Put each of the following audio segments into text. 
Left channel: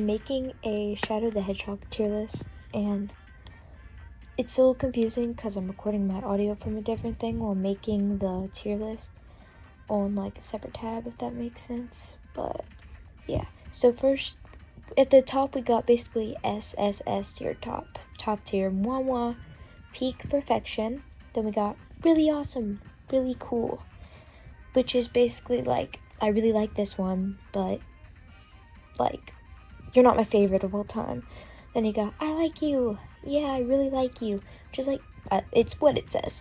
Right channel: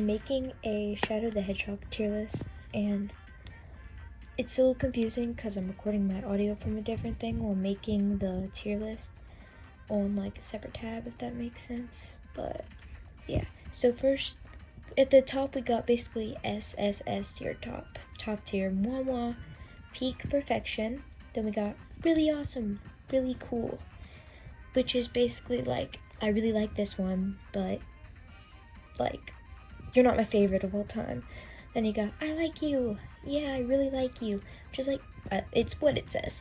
I'm making a Shadow the Hedgehog tier list, and it's a little confusing because I'm recording my audio from a different thing while making the tier list on like a separate tab, if that makes sense. But yeah, so first at the top we got basically SSS tier, top tier, mwah, peak perfection. Then we got really awesome, really cool, which is basically like, I really like this one, but like, you're not my favorite of all time. Then you got, I like you, yeah, I really like you, which is like, it's what it says.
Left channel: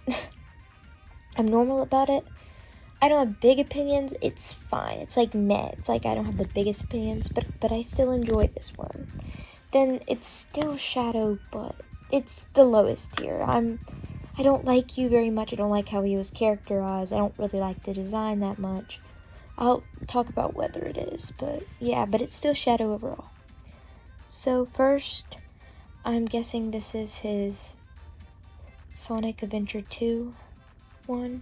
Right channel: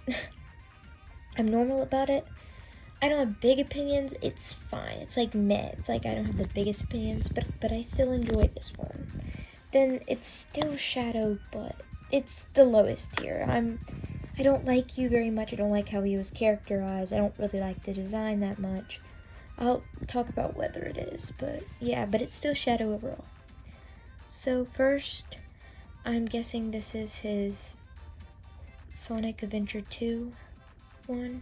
I'm normal about it. I don't have big opinions, it's fine. It's like meh, it's like I don't have the biggest opinions, but I still enjoy this one. Then it's still Shadow, but it's the lowest tier. I don't like you very much. I don't like how he was characterized. I don't really like the design that much. I'll talk about whether it is, but yeah, but it's still Shadow overall. So first, I'm guessing this is his Sonic Adventure 2 one.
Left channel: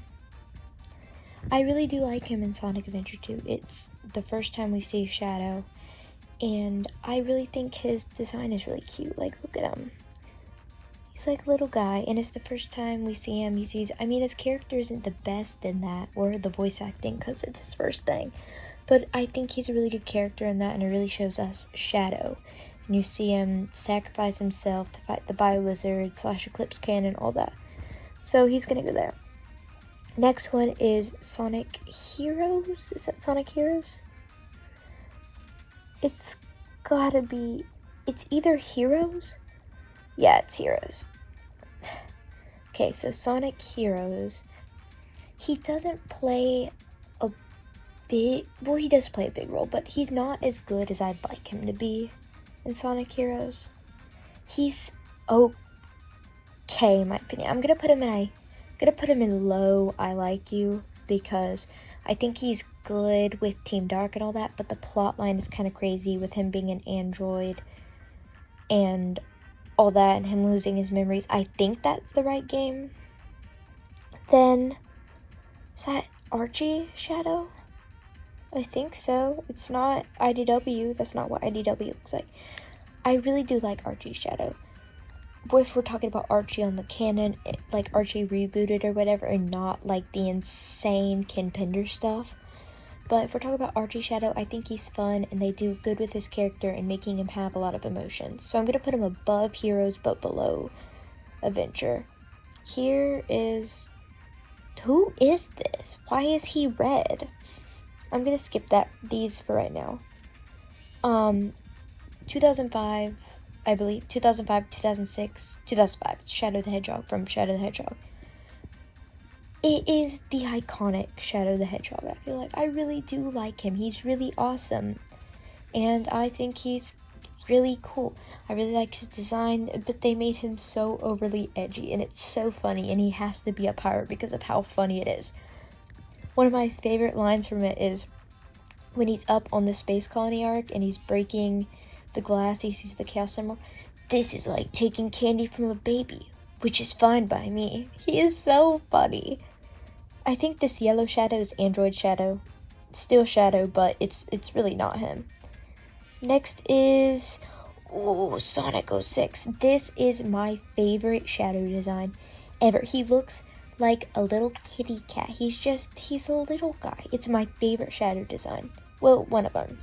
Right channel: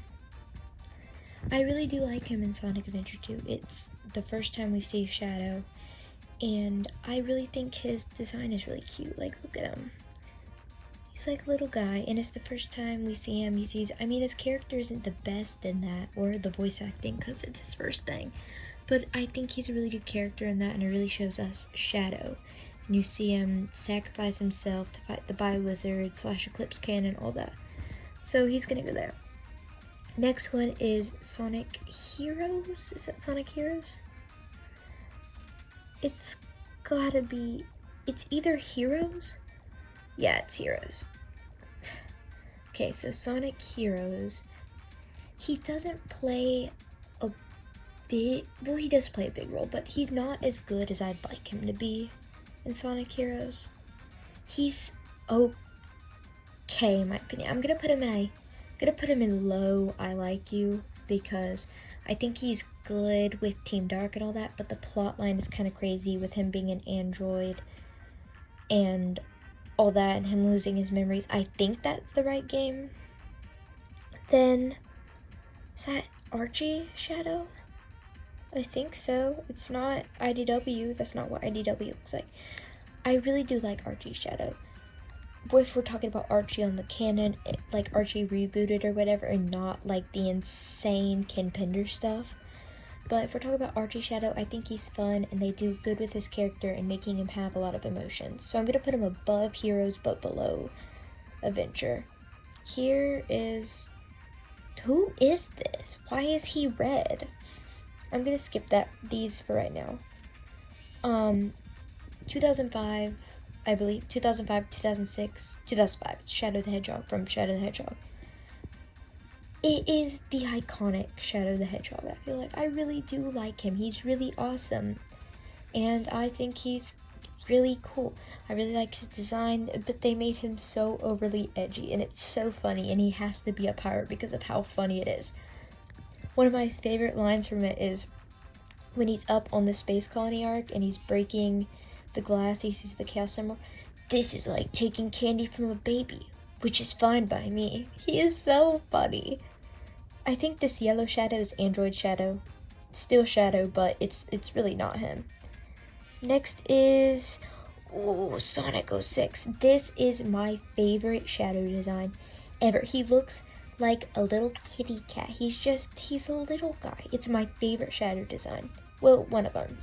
I really do like him in Sonic Adventure 2. It's the first time we see Shadow, and I really think his design is really cute. Like, look at him. He's like a little guy, and it's the first time we see him. I mean, his character isn't the best in that, or the voice acting, because it's his first thing. But I think he's a really good character in that, and it really shows us Shadow. And you see him sacrifice himself to fight the Bio-Lizard / Eclipse Cannon, all that. So he's gonna go there. Next one is Sonic Heroes. Is that Sonic Heroes? It's gotta be, it's either Heroes? Yeah, it's Heroes. Okay, so Sonic Heroes. He doesn't play a big, well, he does play a big role, but he's not as good as I'd like him to be in Sonic Heroes. He's okay, in my opinion. I'm gonna put him in low I like you, because I think he's good with Team Dark and all that, but the plot line is kind of crazy with him being an android and all that, and him losing his memories. I think that's the right game. Then, is that Archie Shadow? I think so. It's not IDW. That's not what IDW looks like. I really do like Archie Shadow. But if we're talking about Archie on the canon, like Archie rebooted or whatever, and not like the insane Ken Pender stuff. But if we're talking about Archie Shadow, I think he's fun, and they do good with his character and making him have a lot of emotions. So I'm going to put him above Heroes, but below Adventure. Here is, who is this? Why is he red? I'm going to skip these for right now. 2005, I believe, 2005, 2006, 2005, it's Shadow the Hedgehog from Shadow the Hedgehog. It is the iconic Shadow the Hedgehog, I feel like. I really do like him. He's really awesome. And I think he's really cool. I really like his design, but they made him so overly edgy, and it's so funny, and he has to be a pirate because of how funny it is. One of my favorite lines from it is when he's up on the space colony arc, and he's breaking the glass, he sees the Chaos Emerald. This is like taking candy from a baby, which is fine by me. He is so funny. I think this yellow Shadow is Android Shadow. Still Shadow, but it's really not him. Next is Sonic 06. This is my favorite Shadow design ever. He looks like a little kitty cat. He's a little guy. It's my favorite Shadow design. Well, one of them.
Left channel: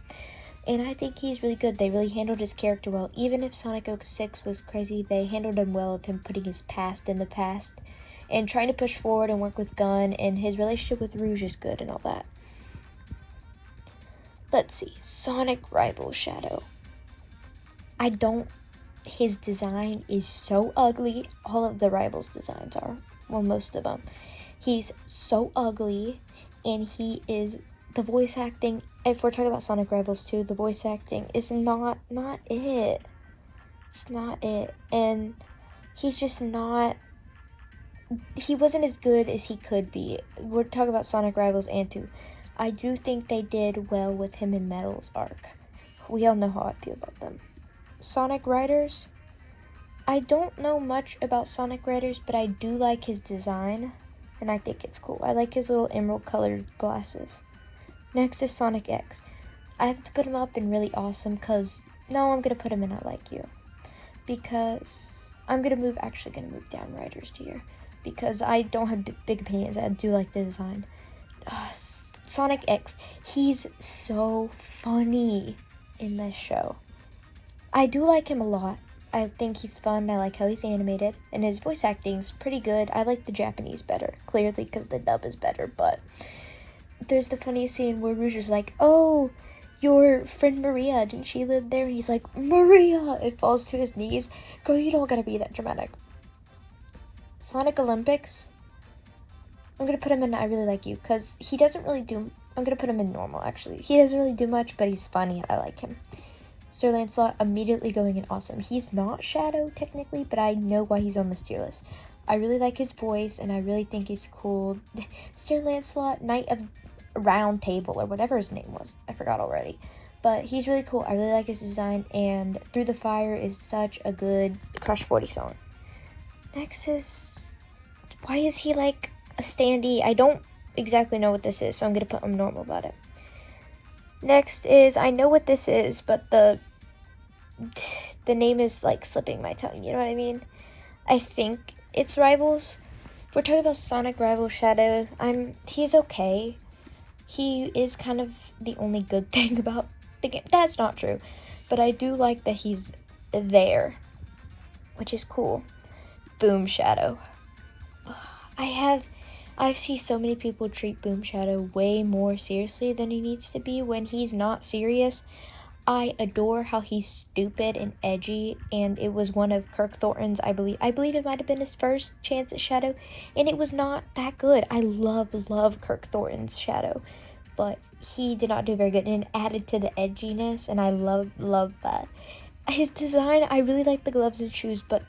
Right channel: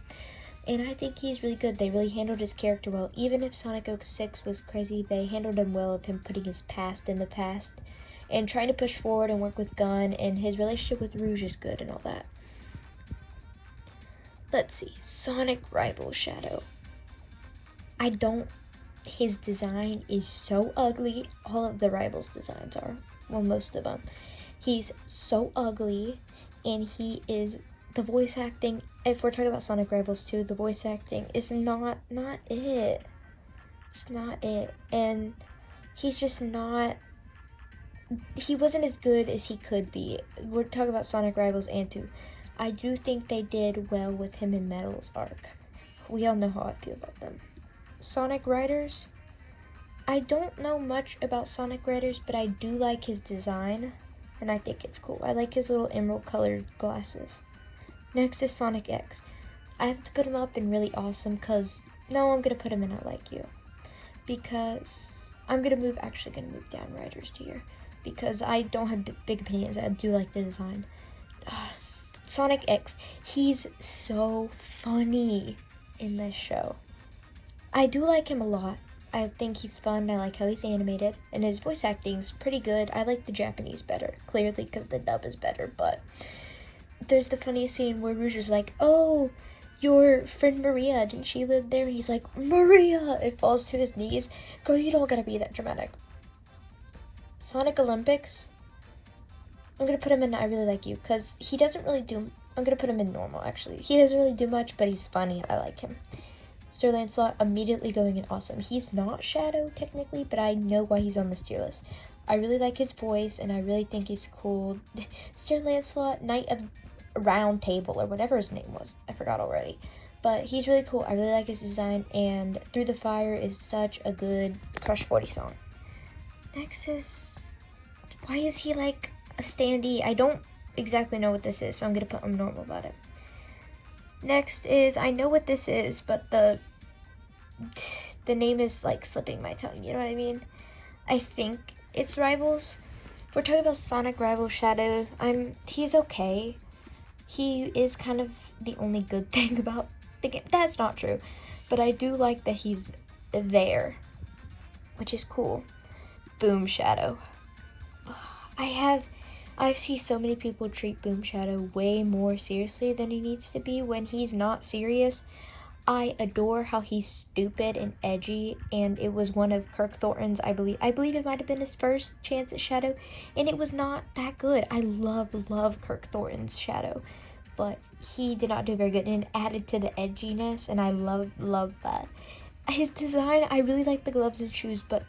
And I think he's really good. They really handled his character well. Even if Sonic 06 was crazy, they handled him well with him putting his past in the past and trying to push forward and work with Gun, and his relationship with Rouge is good and all that. Let's see. Sonic Rival Shadow. His design is so ugly. All of the Rivals designs are. Well, most of them. He's so ugly, and he is, the voice acting, if we're talking about Sonic Rivals 2, the voice acting is not it. It's not it. And he's just not, he wasn't as good as he could be. We're talking about Sonic Rivals and 2. I do think they did well with him in Metal's arc. We all know how I feel about them. Sonic Riders. I don't know much about Sonic Riders, but I do like his design, and I think it's cool. I like his little emerald colored glasses. Next is Sonic X. I have to put him up in really awesome because No, I'm gonna put him in I Like You. Because I'm actually gonna move down Writer's tier. Because I don't have big opinions. I do like the design. Sonic X, he's so funny in this show. I do like him a lot. I think he's fun. I like how he's animated. And his voice acting's pretty good. I like the Japanese better. Clearly because the dub is better. But there's the funniest scene where Rouge is like, oh, your friend Maria, didn't she live there? And he's like, Maria! It falls to his knees. Girl, you don't gotta be that dramatic. Sonic Olympics, I'm gonna put him in I Really Like You, because he doesn't really do, I'm gonna put him in normal, actually. He doesn't really do much, but he's funny, I like him. Sir Lancelot, immediately going in awesome. He's not Shadow, technically, but I know why he's on this tier list. I really like his voice, and I really think he's cool. Sir Lancelot, Knight of Round Table, or whatever his name was. I forgot already. But he's really cool. I really like his design, and Through the Fire is such a good Crush 40 song. Next is, why is he like a standee? I don't exactly know what this is, so I'm gonna put him normal about it. Next is, I know what this is, but the name is like slipping my tongue, you know what I mean? I think it's Rivals. If we're talking about Sonic Rival Shadow, he's okay. He is kind of the only good thing about the game. That's not true, but I do like that he's there, which is cool. Boom Shadow. I see so many people treat Boom Shadow way more seriously than he needs to be when he's not serious. I adore how he's stupid and edgy, and it was one of Kirk Thornton's, I believe it might have been his first chance at Shadow, and it was not that good. I love Kirk Thornton's Shadow, but he did not do very good, and it added to the edginess, and I love that. His design, I really like the gloves and shoes, but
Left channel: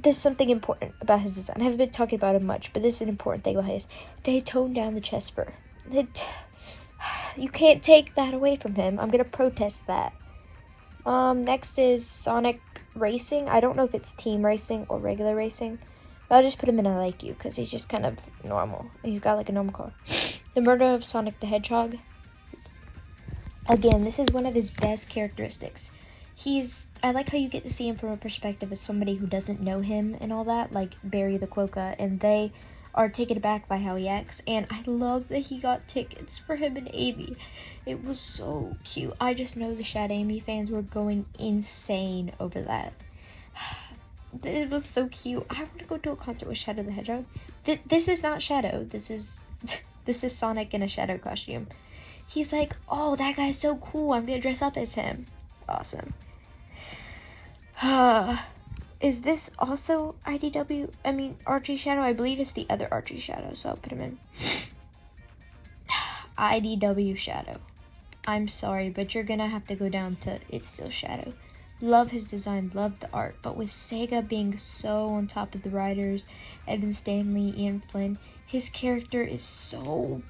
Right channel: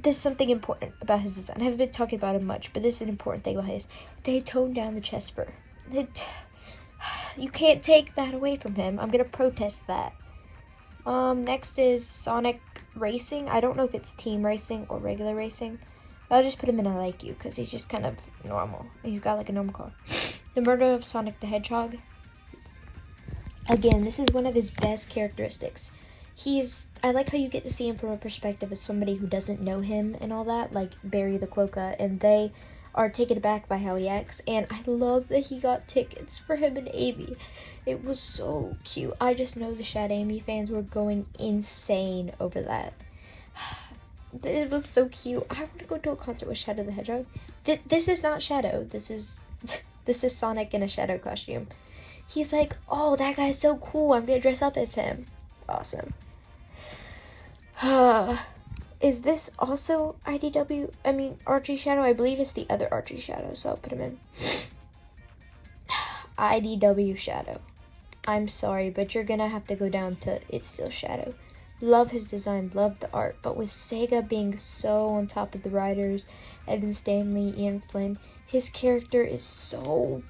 there's something important about his design. I haven't been talking about it much, but this is an important thing about his. They toned down the chest fur. You can't take that away from him. I'm gonna protest that. Next is Sonic Racing. I don't know if it's team racing or regular racing. I'll just put him in I Like You, because he's just kind of normal. He's got like a normal car. The Murder of Sonic the Hedgehog. Again, this is one of his best characteristics. I like how you get to see him from a perspective of somebody who doesn't know him and all that, like Barry the Quokka, and they are taken aback by how he acts, and I love that he got tickets for him and Amy. It was so cute. I just know the Shad Amy fans were going insane over that. It was so cute. I want to go to a concert with Shadow the Hedgehog. This is not Shadow. This is Sonic in a Shadow costume. He's like, oh, that guy's so cool. I'm gonna dress up as him. Awesome. Is this also Archie Shadow? I believe it's the other Archie Shadow, so I'll put him in. IDW Shadow. I'm sorry, but you're gonna have to go down to It's Still Shadow. Love his design, love the art, but with Sega being so on top of the writers, Evan Stanley, Ian Flynn, his character is so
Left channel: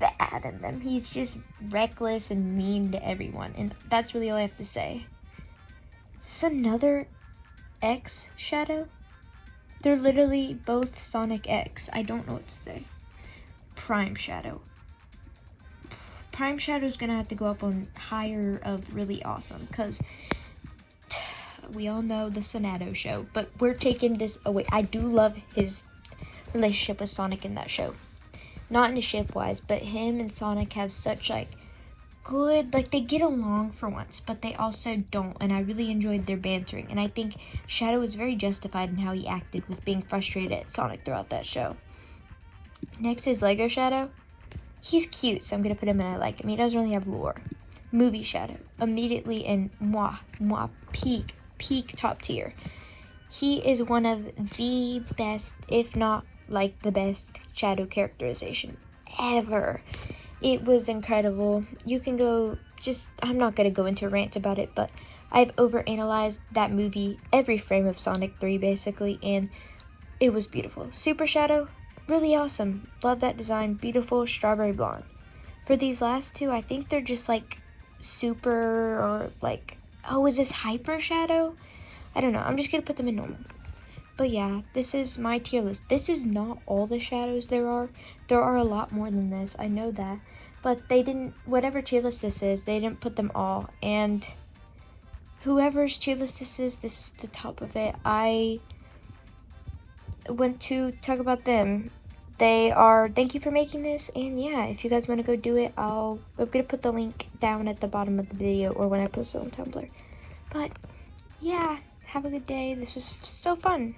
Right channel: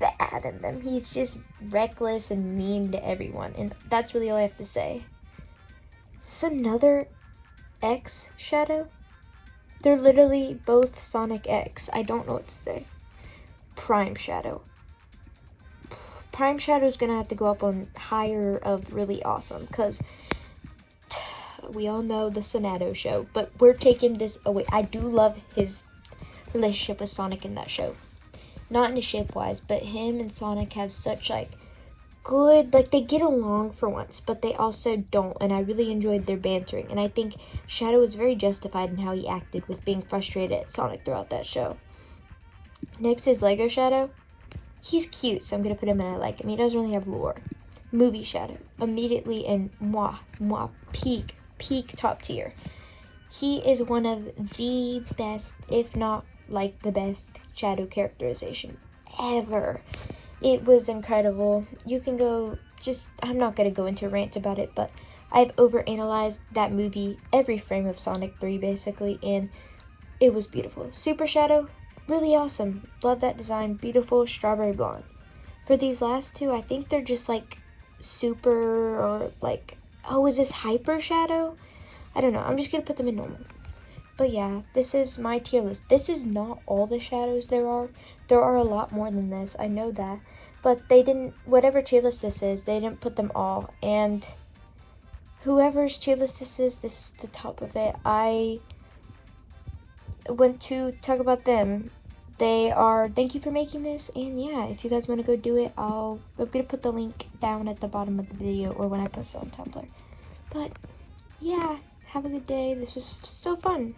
bad in them. He's just reckless and mean to everyone, and that's really all I have to say. Is this another X Shadow? They're literally both Sonic X. I don't know what to say. Prime Shadow. Prime Shadow's gonna have to go up on higher of really awesome, because we all know the Sonato show, but we're taking this away. I do love his relationship with Sonic in that show. Not in a shape-wise, but him and Sonic have such, like, good, like, they get along for once, but they also don't, and I really enjoyed their bantering, and I think Shadow was very justified in how he acted with being frustrated at Sonic throughout that show. Next is Lego Shadow. He's cute, so I'm gonna put him in I Like Him. He doesn't really have lore. Movie Shadow. Immediately in peak top tier. He is one of the best, if not, like, the best Shadow characterization ever. It was incredible. You can go, I'm not going to go into a rant about it, but I've overanalyzed that movie, every frame of Sonic 3 basically, and it was beautiful. Super Shadow, really awesome. Love that design. Beautiful strawberry blonde. For these last two, I think they're just like super, or like, oh, is this Hyper Shadow? I don't know. I'm just going to put them in normal. But yeah, this is my tier list. This is not all the shadows there are. There are a lot more than this. I know that. But they didn't, whatever tier list this is, they didn't put them all. And whoever's tier list this is the top of it. I want to talk about them. Thank you for making this, and yeah, if you guys want to go do it, I'm gonna put the link down at the bottom of the video or when I post it on Tumblr. But yeah, have a good day. This was so fun.